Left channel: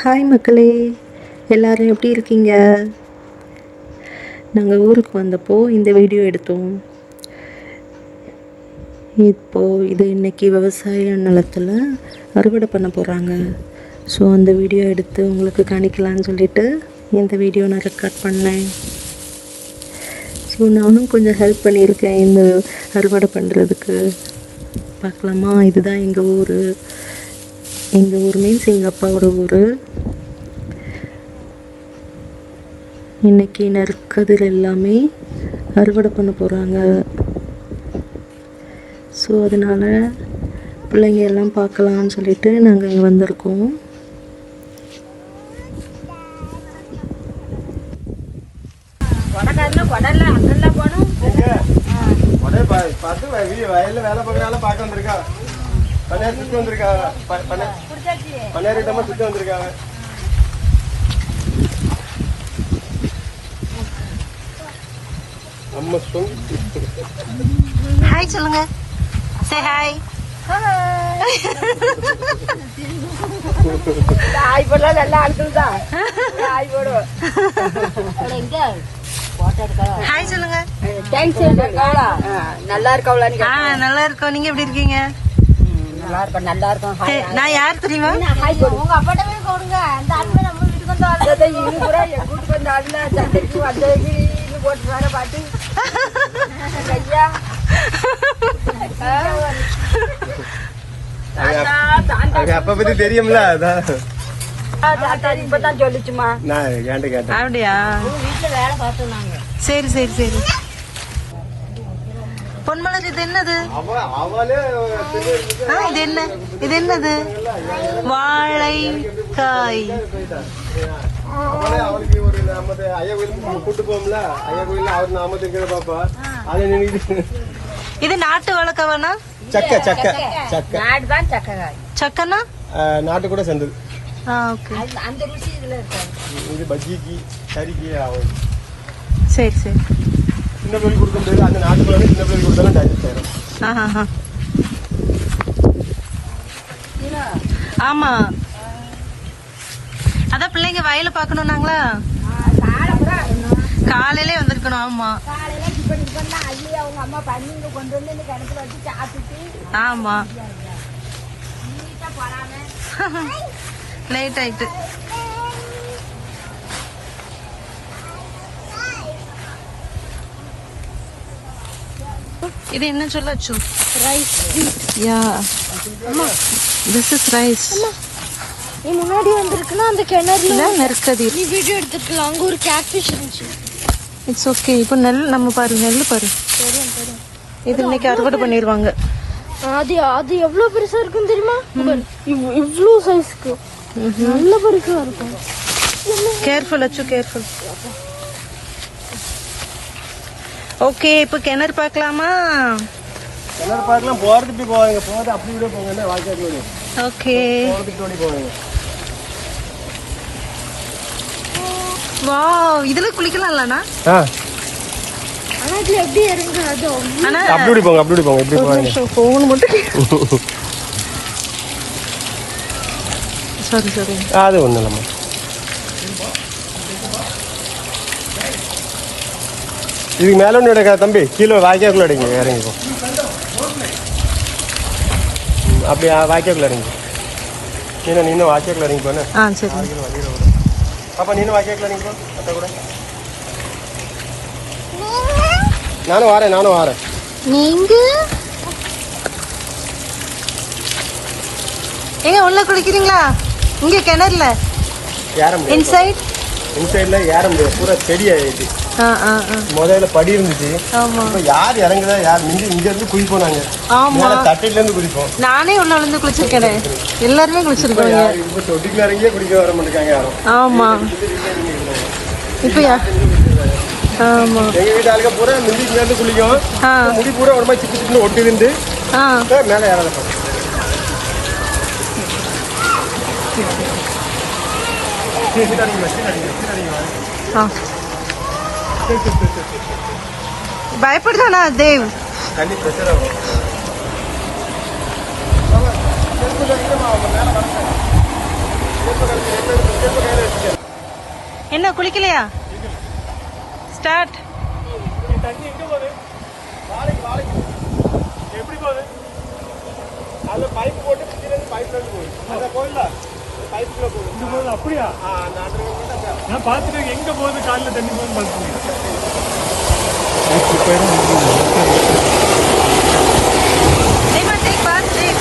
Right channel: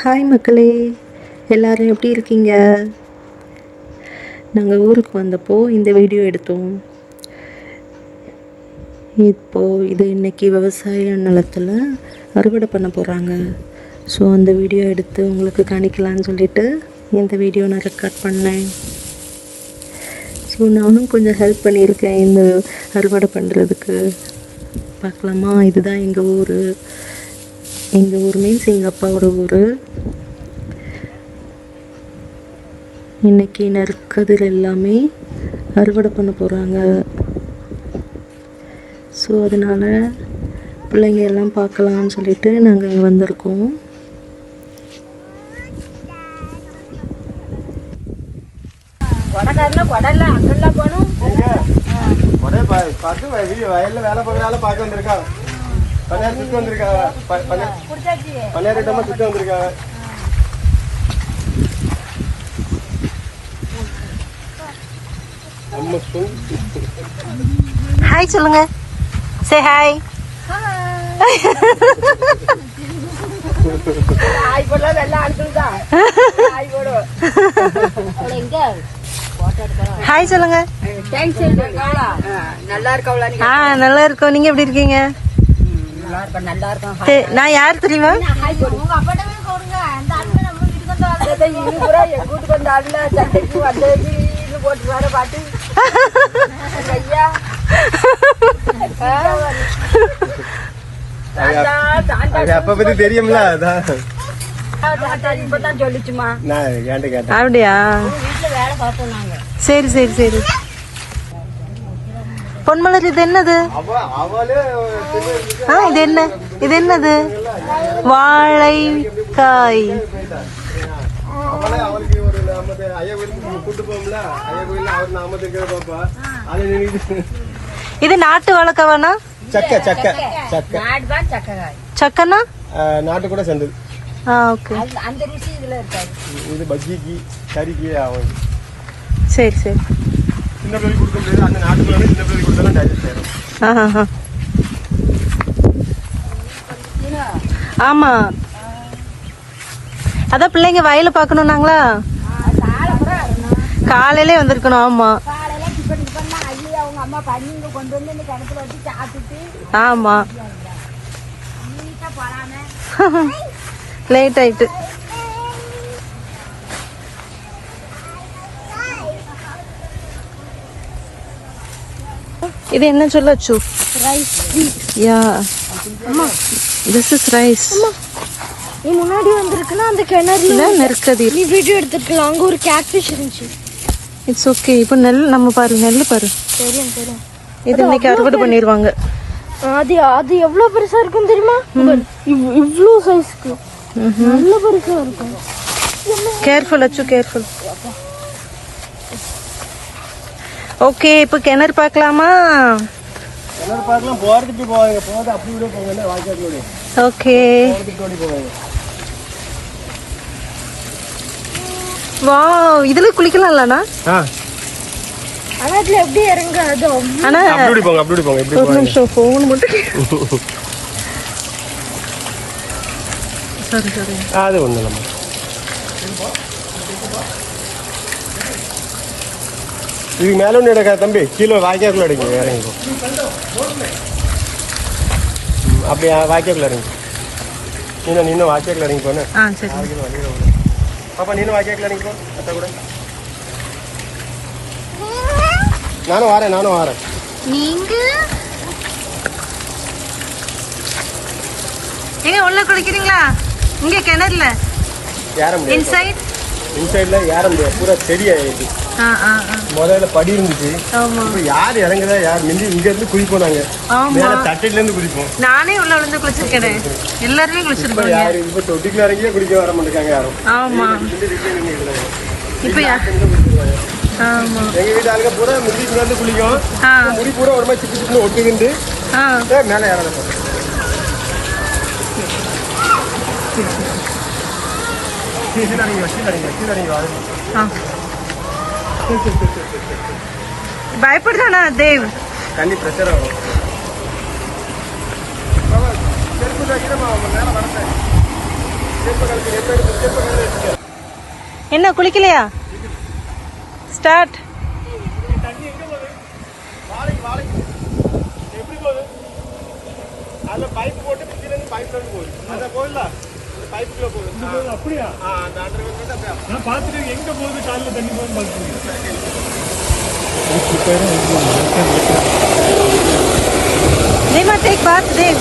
Hi மக்களே, எல்லோரும் எப்படி இருக்கீங்க? நாங்கள் ஊருக்கு வந்தப்போ இந்த வீடியோ எடுத்தோம். இது இன்றைக்கி விவசாய நிலத்தில் அறுவடை பண்ண போகிறாங்க. ஸோ அந்த வீடியோ எடுத்து உங்களுக்கு காணிக்கலான்னு சொல்லிவிட்டு இந்த வீடியோ நான் ரெக்கார்ட் பண்ணேன். ஸோ நானும் கொஞ்சம் ஹெல்ப் பண்ணியிருக்கேன் இந்த அறுவடை பண்ணுறதுக்கு. பார்க்கலாமா? இதுதான் எங்கள் ஊர். எங்கள் ஊர் மீன்ஸ் எங்கள் அப்பாவோட ஊர். இன்றைக்கி நெற்கதிர் எல்லாமே அறுவடை பண்ண போகிறாங்க. ஸோ அதனால் பிள்ளைங்க எல்லாம் பார்க்கலான்னு சொல்லிட்டு நாங்கள் இங்கே வந்திருக்கோம். ஹாய் சொல்லுங்க. Say hi. ஹாய் போடலாம். நல்லா அழுத்துதா. ஹாய் போடு. ஹாய் சொல்லுங்க. நல்லா இருக்கவளா? நல்லா இருக்கோம். நீங்க எப்படி இருக்கீங்க? நல்லா இருக்கும். நான் யார் தெரியுமா? உங்க அப்பாட்டமே போடுங்க. அந்த ஆட்ல நம்ம வீட்டுக்கு வந்த ஆளு எங்க வீட்டுக்கு வந்த ஆளுல சட்டைக்கு வந்தேக்கு போட்டு வர பாட்டு ஐயா அப்ப பத்தி தெரியும்ல. இப்பதான் சொல்லிச்சுமா. அப்படியா? வீட்டுல வேலை பார்த்தோம் நாங்க. சரி சரி சரி. பொன்மலர், இது என்னது? இது என்ன? இது என்னது? வாழைக்காய். இது நாட்டு வழக்கவானா? சக்கனா நாட்டு கூட சேர்ந்தது. அந்த ருசி இதுல இருக்காது. இது பஜ்ஜிக்கு கறிக்கு ஆகும். சரி சரி. ஆமா, அதான் பிள்ளைங்க வயல பாக்கணும்னாங்களா, காலையிலே வந்திருக்கணும். ஆமா ஆமா, லேட் ஆயிட்டு. இது என்ன சொல்லச்சு? யா, திஸ் இஸ் ரைஸ். நீ முன்னாடி வந்திருக்கணும் அந்த கிணறுல நெற்கதிர். நீ வீடியோ எடுத்துக்கலாம். அங்க ஒரு கேட்ஃபிஷ் இருந்துச்சு. It's okay. இப்போ நெல் நம்ம பாரு, நெல் பாரு. இது இன்னைக்கு அறுவடை பண்ணிடுவாங்க. அது எவ்வளவு பெருசா இருக்கும் தெரியுமா? இவ்வளவு சைஸ்க்கு நல்ல பெருசா இருக்கும். கேர்ஃபுல் அச்சு, கேர்ஃபுல். ஓகே, இப்போ கிணறு பார்க்கலாமா? கிணறு பார்க்கலாம். போறதுக்கு போவாங்க, போறது அப்படி விட போவாங்க. வாய்க்கால். ஓகே. வாவ், இதுல குளிக்கலாம்லண்ணா? ஒரு நிமிஷம், போன் மட்டும். சரி சரி. இது மேல எடுக்க தம்பி, கீழே வாய்க்காக்குள்ள எடுக்க. அப்படியா? வாய்க்காக்குள்ள எடுங்க. கீழே நீங்க வாய்க்காக்குள்ள எடுங்க. சரி. அப்ப நீங்க வாய்க்காக்குள்ள எடுங்க. நானும் வரேன். நீங்க எங்க உள்ள குளிக்கிறீங்களா? இங்க கிணறுல இன்சைட் ஏற முடியாது. பூரா செடியாயிடுச்சு. முதல்ல படி இருந்துச்சு. ஆமா. யார் இறங்குறா? யார் இங்க இருந்து குளிப்போம் நாங்க. ஆமா, தட்டையில இருந்து குளிப்போம். நானே உள்ள வந்து குளிச்சிருக்கேன். எல்லாருமே குளிச்சிருக்கோங்க. தொட்டிக்கு வரைக்கும் குளிக்க வர மாட்டாங்க. ஆமா. இப்ப ஆமா, எங்க வீட்டாளுங்க பூரா முடி இருந்து குளிக்கும். முடி பூரா ஒரு மாதிரி சிக்கி சிக்கி ஒட்டுதுண்டு மேல ஏறலாம். பயப்படுதானா தேவ்? கண்டி பிரச்சனை வரும். மேல வரேன். குளிக்கலையா? ஸ்டார்ட். அப்படியா? நான் பார்த்துட்டு எங்க போகுது காலில் தண்ணி போகுது பார்த்துருக்கேன். Take bath, take.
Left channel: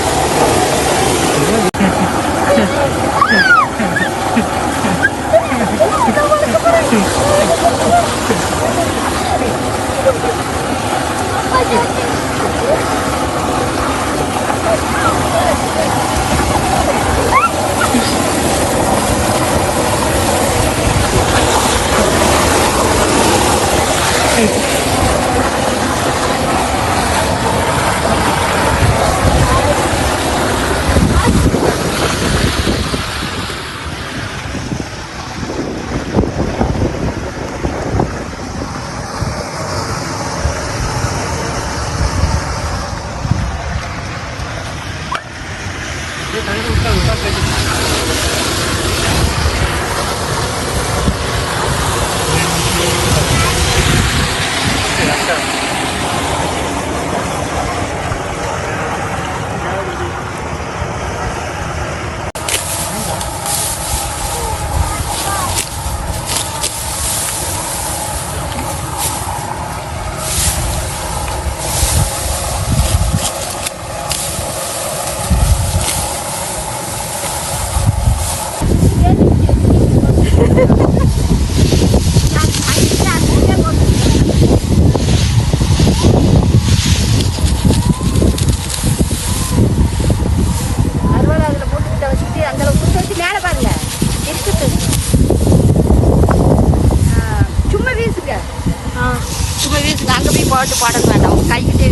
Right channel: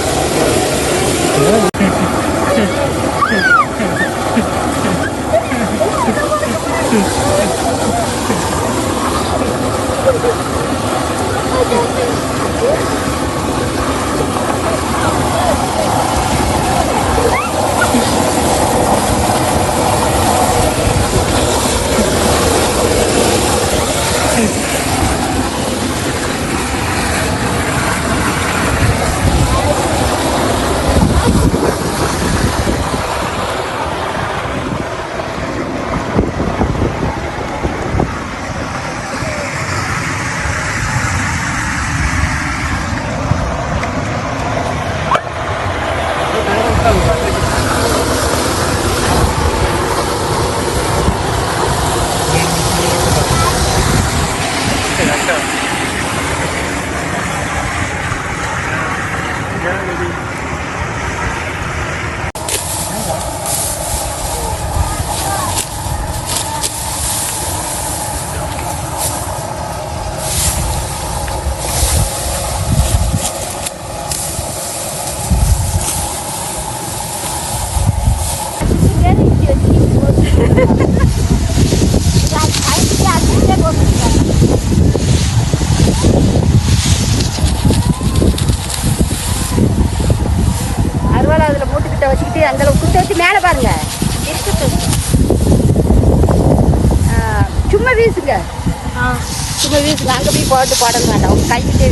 அங்கே போய் போட்டு போட வேண்டாம். அவங்க கைக்கிட்டே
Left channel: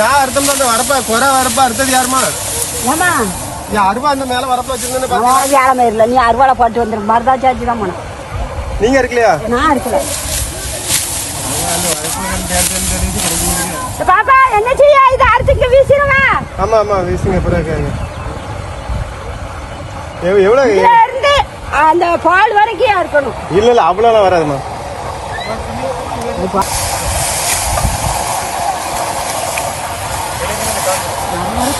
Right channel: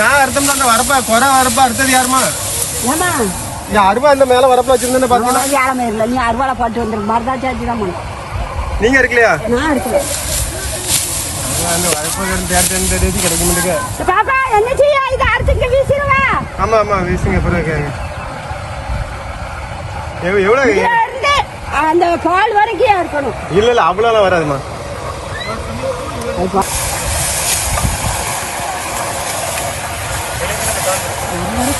நான் அர்த்தம் அந்த வரப்பா கொடை வரப்பா அறுத்தது யாருமா? ஏமா அருவா இந்த மேல வரப்பா வச்சிருந்தேன்னு பாத்தீங்கன்னா வேலை மாதிரி இல்லை. நீ அருவாலை போட்டு வந்துடும். மருதாச்சாச்சு தான் போனேன். நீங்க இருக்கலையா? நான் இருக்கல. அந்த வரப்பா கிடைக்க முடியுங்க. பாப்பா என்ன செய்ய? இது அறுத்துக்கு வீசிடுவேன். ஆமா ஆமா வீசுங்க. எவ்வளவு இருந்து அந்த பால் வரைக்கும் இருக்கணும். இல்ல இல்ல அவ்வளவு வராதுமா.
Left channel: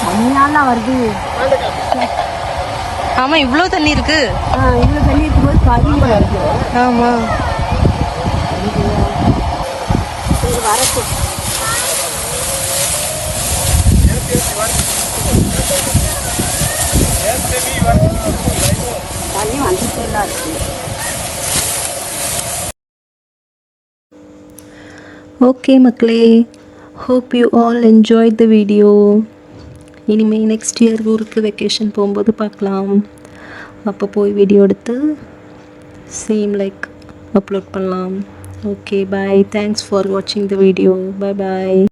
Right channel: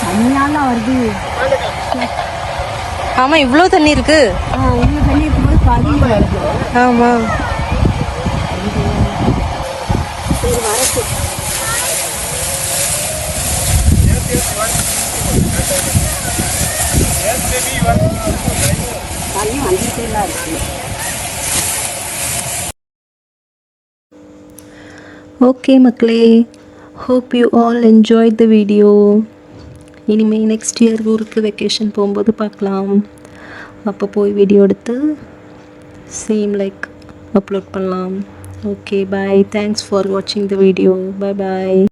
தண்ணியாலாம் வருது. ஆமா இவ்வளவு தண்ணி இருக்கு. இவ்வளவு தண்ணி இருக்கும்போது பதியம் வருது. ஆமா சரி வரச்சு. தண்ணி வந்துட்டு தான் இருக்கு. ஓகே மக்களே, hope you all enjoyed the video. இனிமேல் நெக்ஸ்ட் இயர் ஊருக்கு வெக்கேஷன் போகும்போது பார்க்கலாம். அப்போ போய் வீடியோ எடுத்து சேம் லைக் அப்லோட் பண்ணலாம். Okay bye. தேங்க்ஸ் ஃபார் வாட்சிங் த வீடியோ. Bye bye.